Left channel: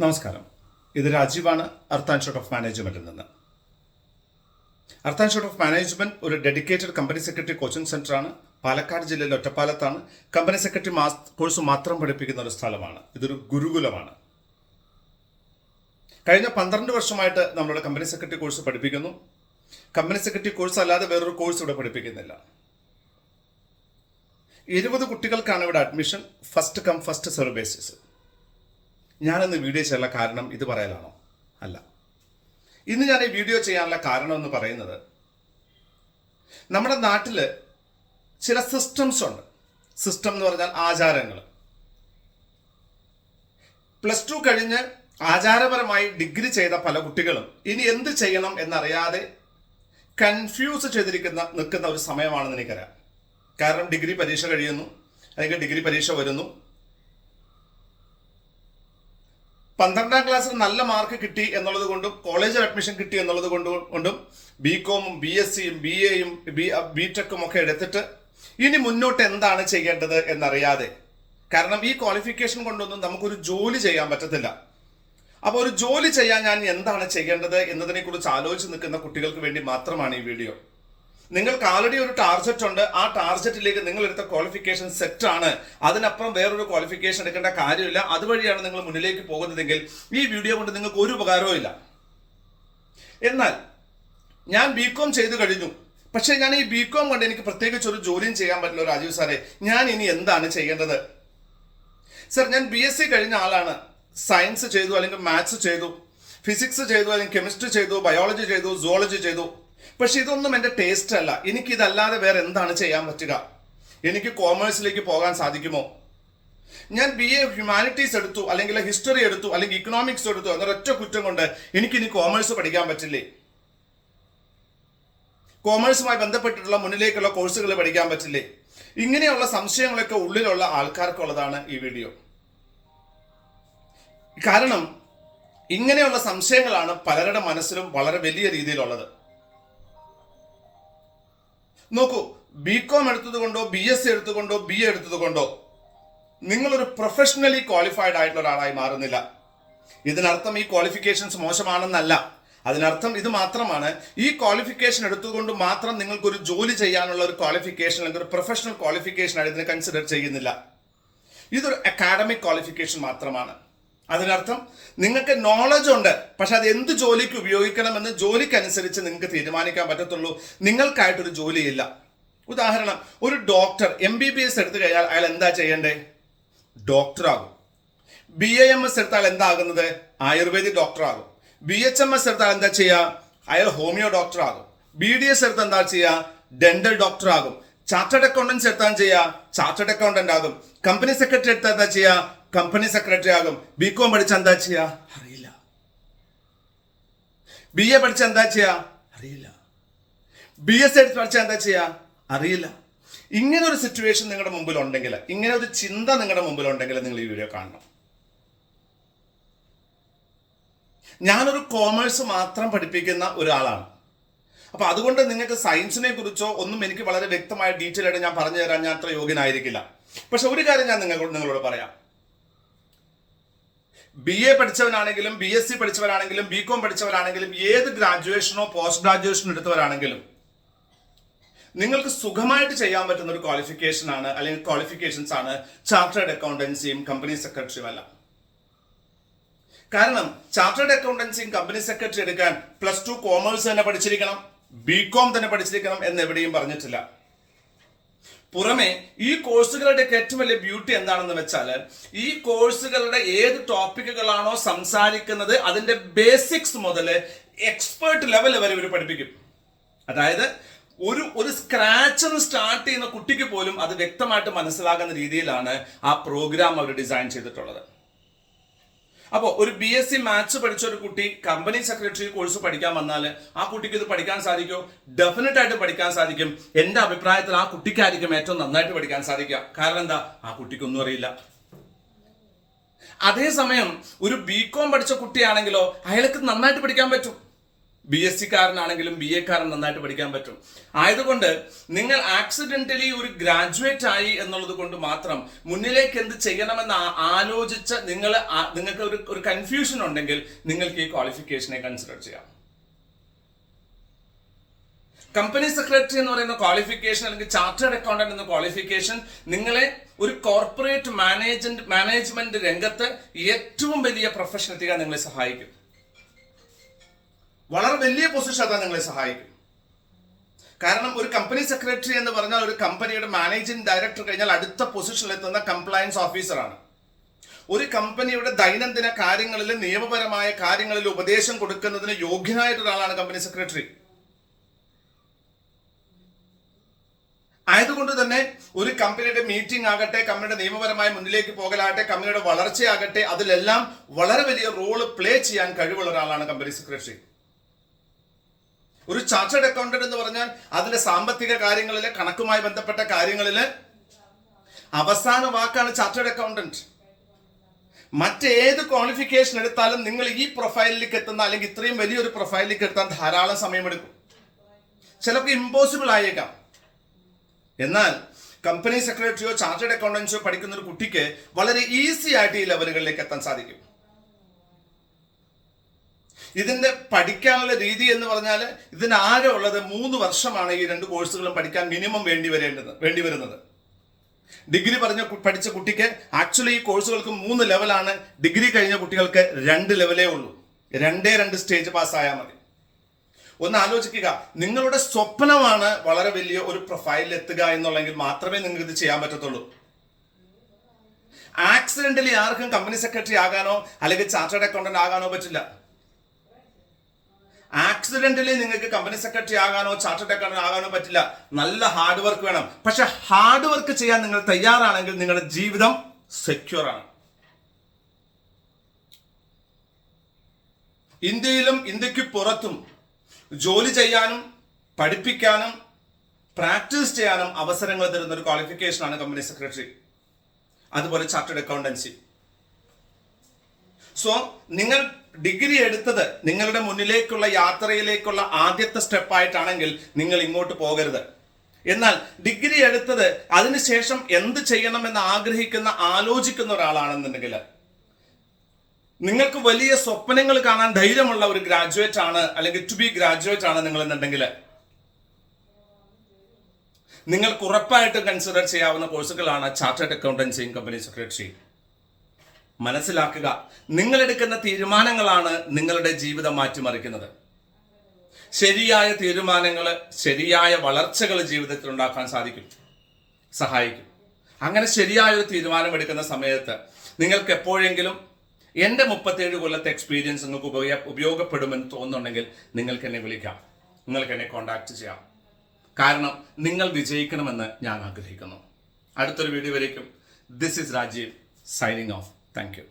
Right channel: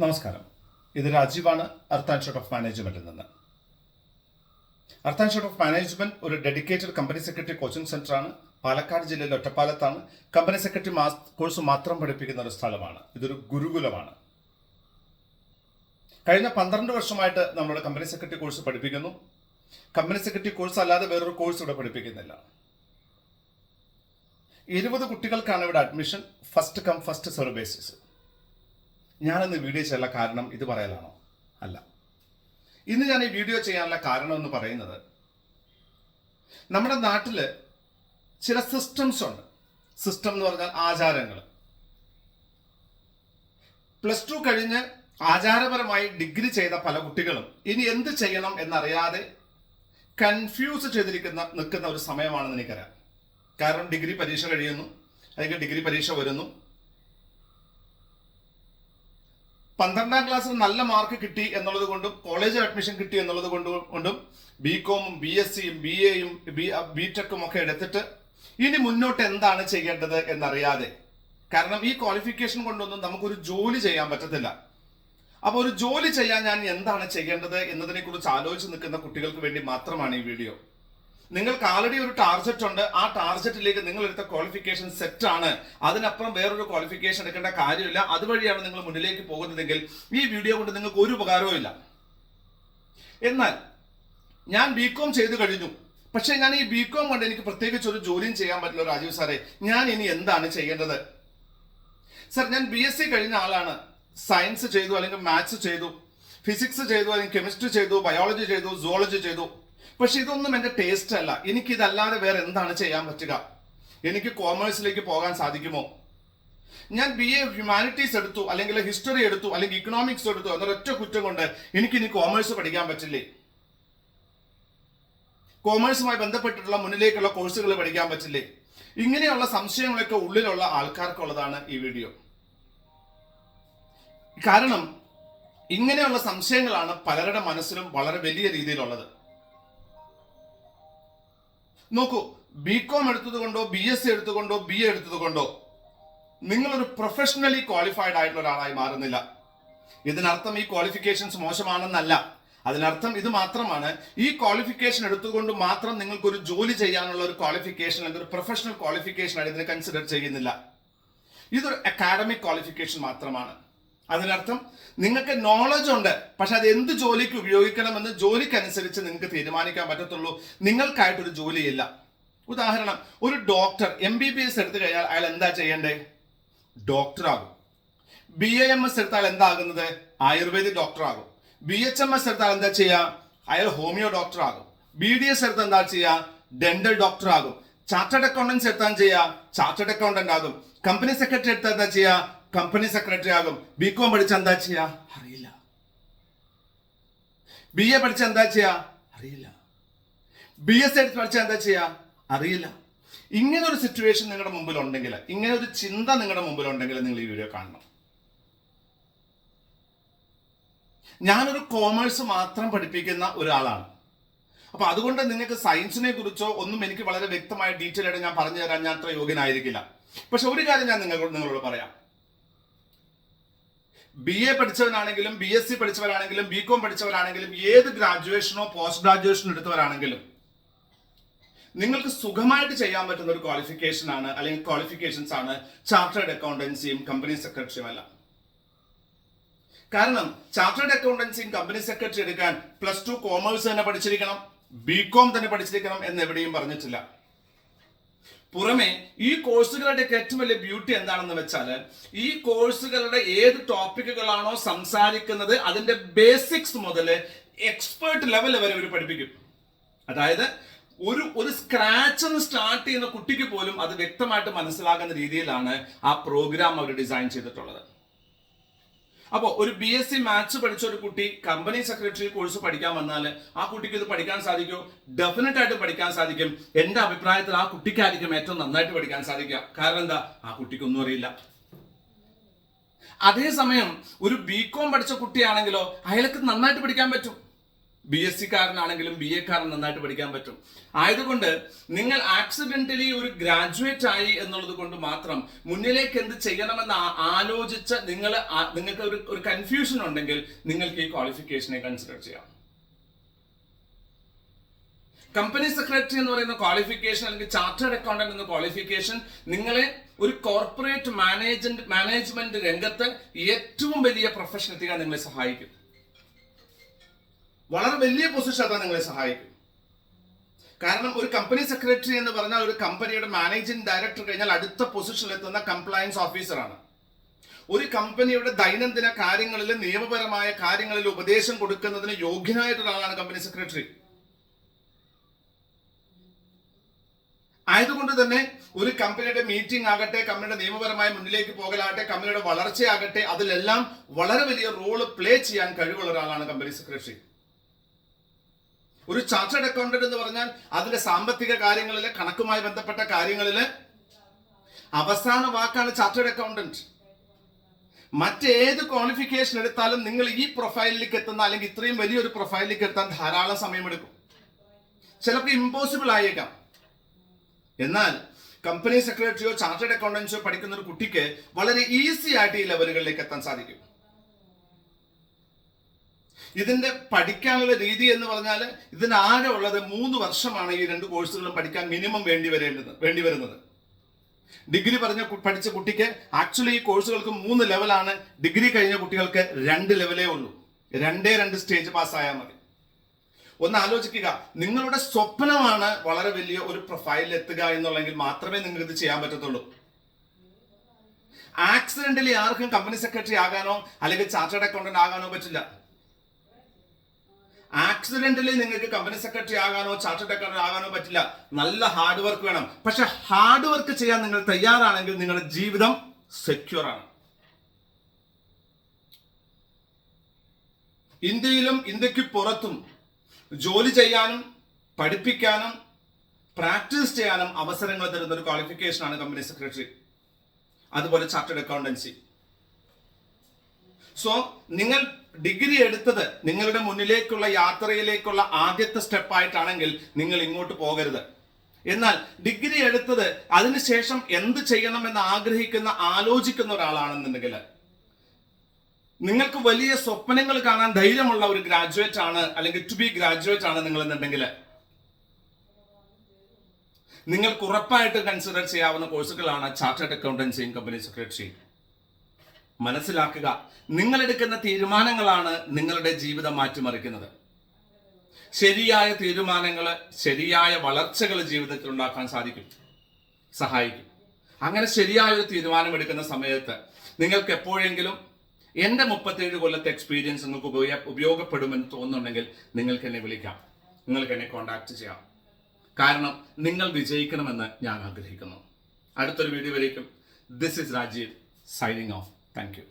നമസ്കാരം. ഇത് രാജീവാണ്, അർത്ത് ആൻഡ് ഷോട്ട് ഓഫ് മാനേജ്മെന്റിൽ നിന്ന്. Earth and shot of management ഒരു ഡെഡിക്കേറ്റഡ് കമ്പനി സെക്രട്ടറി കോച്ചിങ് സെന്ററാണ്. പാലക്കാട് ജില്ലയിലെ ഒറ്റപ്പാലത്താണ്. കമ്പനി സെക്രട്ടറി കോഴ്സ് മാത്രം പഠിപ്പിക്കുന്ന ഒരു സ്ഥലമാണ്. ഇതൊരു ഗുരുകുലമാണ്. കഴിഞ്ഞ 12 വർഷമായിട്ട് നമ്മുടെ കമ്പനി സെക്രട്ടറി കോഴ്സ് പഠിപ്പിക്കുന്നു. കമ്പനി സെക്രട്ടറി കോഴ്സ് അല്ലാതെ വേറൊരു കോഴ്സ് ഇവിടെ പഠിപ്പിക്കുന്നില്ല. 20 കുട്ടികൾക്കാണ് ഇവിടെ admission. First come first serve basis. ഞാനിന്ന് വീഡിയോ ചെയ്യാനുള്ള കാരണം ഇത് പറയാനാണോ? അല്ല. ഇന്ന് ഞാൻ ഈ വീഡിയോ ചെയ്യാനുള്ള കാരണം എന്ന് പറയുന്നത്, നമ്മുടെ നാട്ടിൽ ചില സിസ്റ്റംസ് ഉണ്ട്. സിസ്റ്റം എന്ന് പറഞ്ഞാൽ ആചാരങ്ങൾ. +2 കഴിഞ്ഞ് ആചാരപരമായി ഡിഗ്രി ചെയ്ത പല കുട്ടികളും ഇനി എന്ത് ചെയ്യണം എന്നറിയാതെ കൺഫ്യൂസ് നിൽക്കുന്ന ഒരു സമയമാണെന്ന് എനിക്കറിയാം. കാരണം ഡിഗ്രി പരീക്ഷ കഴിയുന്നു, അല്ലെങ്കിൽ ഡിഗ്രി പരീക്ഷ വരുന്നു. 12ാം ക്ലാസ്സിൽ നല്ല മാർക്ക് കിട്ടി എന്നുള്ളത് കൊണ്ടും കോളേജിൽ അഡ്മിഷൻ കിട്ടി എന്നുള്ളത് കൊണ്ടും ബികോമും BSCയും BAയും BTechും ഒക്കെ എടുത്തിട്ട് ഇനി മുന്നോട്ട് എന്താണ് ചെയ്യേണ്ടത് എന്നറിയാതെ, കാരണം ഈ ക്വാളിഫിക്കേഷൻ കൊണ്ടൊന്നും നമുക്കൊരു ജോലി ചെയ്യാൻ പറ്റത്തില്ല. അപ്പോൾ ഒരു ജോലി ചെയ്യാൻ ഞാൻ എന്താണ് ചെയ്യേണ്ടത് എന്നതിനെ കുറിച്ച് ആലോചിച്ച് നിൽക്കുന്ന കുട്ടികൾക്ക് വേണ്ടി മാത്രമാണ് ഈ വീഡിയോ. നിങ്ങൾക്ക് ആൾറെഡി ഒരു ടാർഗറ്റ് ഉണ്ട്. ആ ടാർഗറ്റിലേക്ക് നിങ്ങൾ എടുത്ത ക്വാളിഫിക്കേഷൻ സെറ്റ് ആണ്. അതിനപ്പുറം വേറൊരു ക്വാളിഫിക്കേഷൻ എടുക്കേണ്ട കാര്യമില്ല. അതുവഴിയാണ് നിങ്ങൾ മുന്നിലേക്ക് പോകുന്നതെങ്കിൽ ഈ വീഡിയോ കൊണ്ട് നിങ്ങൾക്ക് ഒരു ഉപകാരവും ഇല്ല. എന്നാൽ ഞാൻ BCom ചെയ്തു കഴിഞ്ഞു. പക്ഷെ ഞാൻ ഈ BCom കൊണ്ട് എനിക്ക് പ്രത്യേകിച്ച് ഒരു ജോലിയും ചെയ്യാൻ പറ്റില്ല. രാജീവ് സാറേ, ഞാൻ ഇനി എന്താണ് ചെയ്യേണ്ടത്? സർ, ഞാൻ BSc കഴിഞ്ഞ ആളാണ്. സയൻസ് ചെയ്തു, അല്ലെങ്കിൽ മാത്സ് ചെയ്തു, ഫിസിക്സ് ചെയ്തു, അല്ലെങ്കിൽ കെമിസ്ട്രി ചെയ്തു, ബയോളജി ചെയ്തു, സുവോളജി ചെയ്തു. പക്ഷെ ഇതൊന്നും എൻ്റെ ടേസ്റ്റ് അല്ല. എനിക്ക് ഇതല്ലാതെ വേറെ എന്താണ് ചെയ്യാൻ പറ്റുക? എനിക്ക് കോമേഴ്സിലേക്ക് പോകാൻ സാധിക്കുമോ? ഞാൻ BA ഹ്യൂമാനിറ്റീസ് എടുത്തു, അല്ലെങ്കിൽ ഹിസ്റ്ററി എടുത്തു, അല്ലെങ്കിൽ ഇക്കണോമിക്സ് എടുത്തു എന്നൊരൊറ്റ കുറ്റം കൊണ്ട് എനിക്കിനി കോമേഴ്സ് പഠിക്കാൻ പറ്റില്ലേ? കോമേഴ്സുമായി ബന്ധപ്പെട്ടിട്ടുള്ള മുന്നിലേക്കുള്ള കോഴ്സുകൾ പഠിക്കാൻ പറ്റില്ലേ? ഇങ്ങനെയുള്ള സംശയങ്ങളൊക്കെ ഉള്ളിലുള്ള ആൾക്കാർക്കുള്ളതാണ് ഈ വീഡിയോ. കാരണം ഇങ്ങനെയുള്ള സംശയങ്ങളാണ് പലരുടെ മനസ്സിലും വളരെ വലിയ രീതിയിലുള്ളത്. നോക്കൂ, BCom എടുത്തതുകൊണ്ടോ BSc എടുത്തുകൊണ്ടോ BA എടുത്തതുകൊണ്ടോ നിങ്ങളൊരു പ്രൊഫഷണലി ക്വാളിഫൈഡ് ആയിട്ടുള്ള ഒരാളായി മാറുന്നില്ല. ഇതിനർത്ഥം ഈ ക്വാളിഫിക്കേഷൻസ് മോശമാണെന്നല്ല. അതിനർത്ഥം ഇത് മാത്രമാണ്, ഈ ക്വാളിഫിക്കേഷൻ എടുത്തുകൊണ്ട് മാത്രം നിങ്ങൾക്കൊരു ജോലി ചെയ്യാനുള്ള ഒരു ക്വാളിഫിക്കേഷൻ അല്ലെങ്കിൽ ഒരു പ്രൊഫഷണൽ ക്വാളിഫിക്കേഷൻ ആയിട്ട് ഇതിനെ കൺസിഡർ ചെയ്യുന്നില്ല. ഇതൊരു അക്കാഡമിക് ക്വാളിഫിക്കേഷൻ മാത്രമാണ്. അതിനർത്ഥം നിങ്ങൾക്ക് നോളജ് ഉണ്ട്, പക്ഷെ അത് എന്ത് ജോലിക്ക് ഉപയോഗിക്കണമെന്ന് ജോലിക്കനുസരിച്ച് നിങ്ങൾക്ക് തീരുമാനിക്കാൻ പറ്റത്തുള്ളൂ. നിങ്ങൾക്കായിട്ടൊരു ജോലിയില്ല. ഉദാഹരണം, ഒരു ഡോക്ടർ MBBS എടുത്തു കഴിഞ്ഞാൽ അയാൾ എന്താ ചെയ്യണ്ടേ? ഡോക്ടറാകും. BAMS എടുത്താൽ എന്താകുന്നത്? ആയുർവേദിക് ഡോക്ടറാകും. BHMS എടുത്താൽ എന്താ ചെയ്യുക? അയാൾ ഹോമിയോ ഡോക്ടർ ആകും. BDS എടുത്താൽ എന്താ ചെയ്യുക? ഡെന്റൽ ഡോക്ടർ ആകും. ചാർട്ടേഡ് അക്കൗണ്ടൻസ് എടുത്താൽ ചെയ്യുക? ചാർട്ടേഡ് അക്കൗണ്ടന്റ് ആകും. കമ്പനി സെക്രട്ടറി എടുത്താൽ എന്താ ചെയ്യുക? കമ്പനി സെക്രട്ടറി ആകും. BCom പഠിച്ച എന്താ ചെയ്യാ? അറിയില്ല. BA പഠിച്ച എന്താ ചെയ്യാ? അറിയില്ല. BSc പഠിച്ച എന്താ ചെയ്യാ? അറിയില്ല. ഇങ്ങനെ ഒരു സിറ്റുവേഷൻ നിങ്ങളുടെ മുമ്പിൽ ഉണ്ടെങ്കിൽ, ഇങ്ങനെ ഒരു ചിന്ത നിങ്ങളുടെ മുമ്പിൽ ഉണ്ടെങ്കിൽ നിങ്ങൾ ഈ വീഡിയോ കാണണം. ഞാനൊരു കോമേഴ്സ് മാത്രം പഠിപ്പിക്കുന്ന ഒരാളാണ്. അപ്പൊ അതുകൊണ്ട് നിങ്ങൾക്ക് സയൻസിനെ കുറിച്ചോ ഒന്നും എനിക്ക് വളരെ വ്യക്തമായ ഡീറ്റെയിൽ ആയിട്ട് ഞാൻ പറഞ്ഞു തരാൻ ഞാൻ അത്ര യോഗ്യനായിരിക്കില്ല. പക്ഷെ ഒരു കാര്യം ഞാൻ നിങ്ങളോട് പറയാം. BA പഠിച്ചവരാണെങ്കിലും BSc പഠിച്ചവരാണെങ്കിലും BCom പഠിച്ചവരാണെങ്കിലും ഏത് ഗ്രാജുവേഷനോ പോസ്റ്റ് ഗ്രാജുവേഷനോ എടുത്തവരാണെങ്കിലും നിങ്ങൾക്ക് സുഖമായിട്ട് ചെയ്യാൻ പറ്റുന്ന ഒരു ക്വാളിഫിക്കേഷൻ ആണ്, അല്ലെങ്കിൽ ക്വാളിഫിക്കേഷൻസ് ആണ് ചാർട്ടേഡ് അക്കൗണ്ടൻസിയും കമ്പനി സെക്രട്ടറിയും അല്ല. കാരണം ചാർട്ടേഡ് അക്കൗണ്ടൻസിയും കമ്പനി സെക്രട്ടറി എടുക്കാൻ +2 കോമേഴ്സ് തന്നെ പഠിച്ചിരിക്കണം, BCom തന്നെ പഠിച്ചിരിക്കണം എന്ന് എവിടെയും പറഞ്ഞിട്ടില്ല. പുറമെ ഈ കോഴ്സുകളുടെ ഏറ്റവും വലിയ ബ്യൂട്ടി എന്താണെന്ന് വെച്ചാൽ, ഈ കോഴ്സുകളുടെ ഏത് ടോപ്പിക്കുകളാണോ സംസാരിക്കുന്നത് അതിന്റെ ബേസിക്സ് മുതൽ എക്സ്പേർട്ട് ലെവൽ വരെ ഇവർ പഠിപ്പിക്കും. അതായത് ഒരു സ്ക്രാച്ച് സ്റ്റാർട്ട് ചെയ്യുന്ന കുട്ടിക്ക് പോലും അത് വ്യക്തമായിട്ട് മനസ്സിലാകുന്ന രീതിയിലാണ് ആ പ്രോഗ്രാം അവർ ഡിസൈൻ ചെയ്തിട്ടുള്ളത്. അപ്പോൾ ഒരു BSc മാത്സ് പഠിച്ച ഒരു കുട്ടി കമ്പനി സെക്രട്ടറി കോഴ്സ് പഠിക്കാൻ വന്നാൽ ആ കുട്ടിക്ക് ഇത് പഠിക്കാൻ സാധിക്കുമോ? ഡെഫിനറ്റ് ആയിട്ട് പഠിക്കാൻ സാധിക്കും. എൻ്റെ അഭിപ്രായത്തിൽ ആ കുട്ടിക്കായിരിക്കും ഏറ്റവും നന്നായിട്ട് പഠിക്കാൻ സാധിക്കുക. കാരണം എന്താ? ആ കുട്ടിക്കൊന്നും അറിയില്ല. അതേസമയം ഒരു BCom പഠിച്ച കുട്ടിയാണെങ്കിലോ അയാൾക്ക് നന്നായിട്ട് പഠിക്കാൻ പറ്റും. BSc കാരനാണെങ്കിലും BA കാരൻ നന്നായിട്ട് പഠിക്കാൻ പറ്റും. ആയതുകൊണ്ട് നിങ്ങൾ ആക്സിഡന്റലി ഒരു ഗ്രാജുവേറ്റ് ആയി എന്നുള്ളത് കൊണ്ട് മാത്രം മുന്നിലേക്ക് എന്ത് ചെയ്യണമെന്ന് ആലോചിച്ച് നിങ്ങൾക്ക് ഒരു കൺഫ്യൂഷൻ ഉണ്ടെങ്കിൽ നിങ്ങൾക്ക് ഈ ക്വാളിഫിക്കേഷനെ കൺസിഡർ ചെയ്യാം. കമ്പനി സെക്രട്ടറി എന്ന് പറയുന്ന ക്വാളിഫിക്കേഷൻ അല്ലെങ്കിൽ ചാർട്ടേഡ് അക്കൗണ്ടന്റ് എന്ന ക്വാളിഫിക്കേഷൻ നിങ്ങളെ ഒരു കോർപ്പറേറ്റ് മാനേജ്മെന്റ് രംഗത്ത് ഏറ്റവും വലിയ പ്രൊഫഷൻ എത്തിക്കാൻ നിങ്ങളെ സഹായിക്കും. വളരെ വലിയ പൊസിഷൻ എത്താൻ നിങ്ങളെ സഹായിക്കും. കാരണം ഒരു കമ്പനി സെക്രട്ടറി എന്ന് പറഞ്ഞാൽ ഒരു കമ്പനിയുടെ മാനേജിംഗ് ഡയറക്ടർ കഴിഞ്ഞാൽ അടുത്ത പൊസിഷനിൽ എത്തുന്ന കംപ്ലയൻസ് ഓഫീസറാണ്. ഒരു കമ്പനിയുടെ ദൈനംദിന കാര്യങ്ങളിൽ നിയമപരമായ കാര്യങ്ങളിൽ ഉപദേശം കൊടുക്കുന്നതിന് യോഗ്യനായിട്ട് ഒരാളാണ് കമ്പനി സെക്രട്ടറി. ആയതുകൊണ്ട് തന്നെ ഒരു കമ്പനിയുടെ മീറ്റിംഗ് ആകട്ടെ, കമ്പനിയുടെ നിയമപരമായ മുന്നിലേക്ക് പോകലാകട്ടെ, കമ്പനിയുടെ വളർച്ചയാകട്ടെ, അതിലെല്ലാം വളരെ വലിയ റോള് പ്ലേ ചെയ്യാൻ കഴിവുള്ള ഒരാളാണ് കമ്പനി സെക്രട്ടറി. ഒരു ചാർട്ടേഡ് അക്കൗണ്ടന്റ് എന്ന് പറഞ്ഞാൽ അതിലെ സാമ്പത്തിക കാര്യങ്ങളിലെ കണക്കുമായി ബന്ധപ്പെട്ട കാര്യങ്ങളില് അവസാന വാക്കാണ് ചാർട്ടേഡ് അക്കൗണ്ടന്റ്. മറ്റേത് ക്വാളിഫിക്കേഷൻ എടുത്താലും നിങ്ങൾ ഈ പ്രൊഫൈലിലേക്ക് എത്തുന്ന അല്ലെങ്കിൽ ഇത്രയും വലിയൊരു പ്രൊഫൈലിലേക്ക് എത്താൻ ധാരാളം സമയമെടുക്കും. ചിലപ്പോൾ ഇമ്പോസിബിൾ ആയേക്കാം. എന്നാൽ കമ്പനി സെക്രട്ടറിയോ ചാർട്ടേഡ് അക്കൗണ്ടൻസിയോ പഠിക്കുന്ന ഒരു കുട്ടിക്ക് വളരെ ഈസി ആയിട്ട് ഈ ലെവലുകളിലേക്ക് എത്താൻ സാധിക്കും. ഇതിന്റെ പഠിക്കാനുള്ള രീതി എന്ന് പറഞ്ഞാൽ ഇതിനാകെ ഉള്ളത് 3 വർഷമാണ് ഈ 2 കോഴ്സുകളും പഠിക്കാൻ മിനിമം വേണ്ടി വരുന്നത്. ഡിഗ്രി പഠിച്ച കുട്ടിക്ക് ആക്ച്വലി ഈ കോഴ്സുകൾക്ക് 3 ലെവലാണ്. ഡിഗ്രി കഴിഞ്ഞ കുട്ടികൾക്ക് 2 ലെവലേ ഉള്ളൂ. 2 സ്റ്റേജ് പാസ്സായാൽ മതി. ഒന്ന് ആലോചിക്കുക, നിങ്ങളുടെ സ്വപ്നമാണ് വളരെ വലിയ ഒരു പ്രൊഫൈലിൽ എത്തുക എന്നുള്ളെങ്കിൽ മാത്രമേ നിങ്ങൾക്ക് ഇത് ചെയ്യാൻ പറ്റത്തുള്ളൂ. ആക്സിഡന്റലി ആർക്കും കമ്പനി സെക്രട്ടറി ആകാനോ അല്ലെങ്കിൽ ചാർട്ടേഡ് അക്കൗണ്ടന്റ് ആകാനോ പറ്റില്ല. ആക്സിഡന്റലി നിങ്ങൾക്ക് കമ്പനി സെക്രട്ടറി ആകാനോ ചാർട്ടേഡ് അക്കൗണ്ടന്റ് ആകാനോ പറ്റില്ല. നല്ല ഹാർഡ് വർക്ക് വേണം. പക്ഷെ ഹാർഡ് വർക്ക് ചെയ്യാൻ നിങ്ങൾ തയ്യാറാണെങ്കിൽ നിങ്ങളുടെ ജീവിതം സെക്യൂർ ആണ്. ഇന്ത്യയിലും ഇന്ത്യക്ക് പുറത്തും ജോലി ചെയ്യാനും പഠിപ്പിക്കാനും പ്രാക്ടീസ് ചെയ്യാനും അവസരങ്ങൾ തരുന്ന ഒരു ക്വാളിഫിക്കേഷനാണ് കമ്പനി സെക്രട്ടറി, അതുപോലെ ചാർട്ടേഡ് അക്കൗണ്ടൻസി. സോ നിങ്ങൾ ഡിഗ്രി എടുത്തത് നിങ്ങളുടെ മുന്നിലേക്കുള്ള യാത്രയിലേക്കുള്ള ആദ്യത്തെ സ്റ്റെപ്പായിട്ടാണെങ്കിൽ നിങ്ങൾ ഇങ്ങോട്ട് പോകരുത്. എന്നാൽ ഡിഗ്രി എടുത്തത് അതിനുശേഷം എന്ത് ചെയ്യണമെന്ന് ആലോചിക്കുന്ന ഒരാളാണെന്നുണ്ടെങ്കിൽ, നിങ്ങൾക്ക് വലിയ സ്വപ്നങ്ങൾ കാണാൻ ധൈര്യമുള്ള ഒരു ഗ്രാജുവേറ്റ് ആണ് അല്ലെങ്കിൽ ടു ബി ഗ്രാജുവേറ്റ് ആണ് നിങ്ങൾ എന്നുണ്ടെങ്കിൽ, നിങ്ങൾക്ക് ഉറപ്പായിട്ട് കൺസിഡർ ചെയ്യാവുന്ന കോഴ്സുകളാണ് ചാർട്ടേഡ് അക്കൗണ്ടൻസിയും കമ്പനി സെക്രട്ടറി. മനസ്സിലാക്കുക, നിങ്ങൾ എടുക്കുന്ന തീരുമാനങ്ങളാണ് നിങ്ങളുടെ ജീവിതം മാറ്റിമറിക്കുന്നത്. ശരിയായ തീരുമാനങ്ങൾ ശരിയായ വളർച്ചകൾ ജീവിതത്തിൽ ഉണ്ടാക്കാൻ സഹായിക്കും. അങ്ങനെ ശരിയായ ഒരു തീരുമാനം എടുക്കുന്ന സമയത്ത് നിങ്ങൾക്ക് എപ്പോഴെങ്കിലും എൻ്റെ 37 കൊല്ലത്തെ എക്സ്പീരിയൻസ് നിങ്ങൾക്ക് ഉപയോഗപ്പെടുമെന്ന് തോന്നുന്നുണ്ടെങ്കിൽ നിങ്ങൾക്ക് എന്നെ വിളിക്കാം, നിങ്ങൾക്ക് എന്നെ കോൺടാക്ട് ചെയ്യാം. കാരണം നിങ്ങൾ വിജയിക്കണമെന്ന് ഞാൻ ആഗ്രഹിക്കുന്നു. അടുത്തൊരു വീഡിയോ വരേക്കും this is Rajiv signing off. Thank U.